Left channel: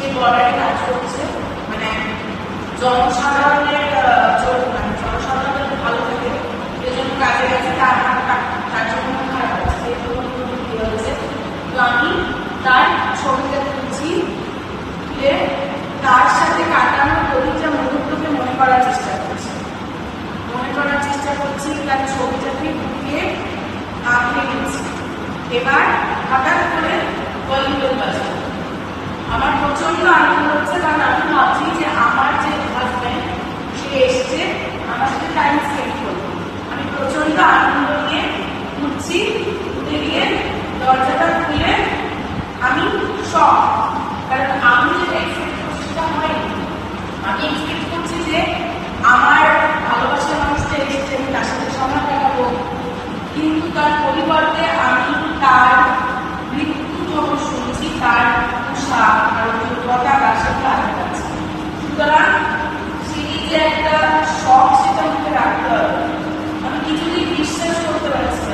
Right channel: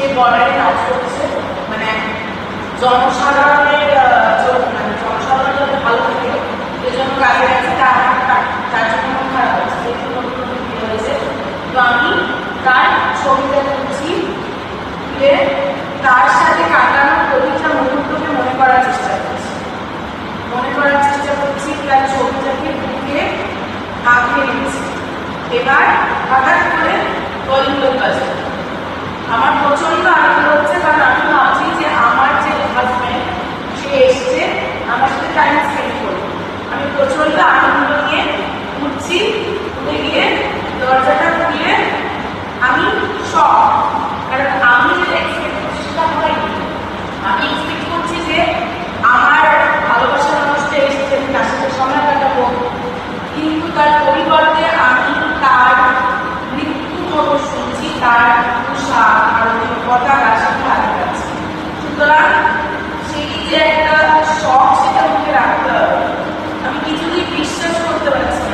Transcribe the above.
সে বর্ডারে কাজ করছে, মানে জনসাধারণের জনসাধারণ যাতে ভালো থাকে এজন্য কাজে আছে, তার জন্য খারাপ হয়েছে। তো আমি তার ছবিটা তুলছি, তার সাথে কাটানো প্রতিটা মুহূর্তকে মনে করার চেষ্টা করছি, তার ছবিটাকে ঢুকে আঁকিয়ে নিচ্ছি। এবার হঠাৎ করে বলিং কাছে আমার প্রচন্ড আনন্দ হচ্ছে, কারণ আমি ভাবছি যে আমার যে হাজব্যান্ড সে এসছে আমার সাথে টাইম স্পেন্ড করবে। আমি প্রচন্ড আনন্দ নিয়ে উঠছি, উঠে গিয়ে দরজাটা খুলে আমি শক, কারণ আমি যেটা এক্সপেক্ট করছি সেটা হয়নি। আমি এক্সপেক্ট করছি যে আমার ভালোবাসা মানুষটা এসেছে, আমি তার সাথে সময় কাটাবো, কিন্তু তার পরিবর্তে আমি তার মৃত্যু খবর শুনছি, তার পোশাক আর পতাকা সাথে আটকে আছে। সুতরাং সেই যে একটা শখ সেটা মুখে রাখতে হবে। আমি কিছুদিন বিশ্বাস করতে পারছি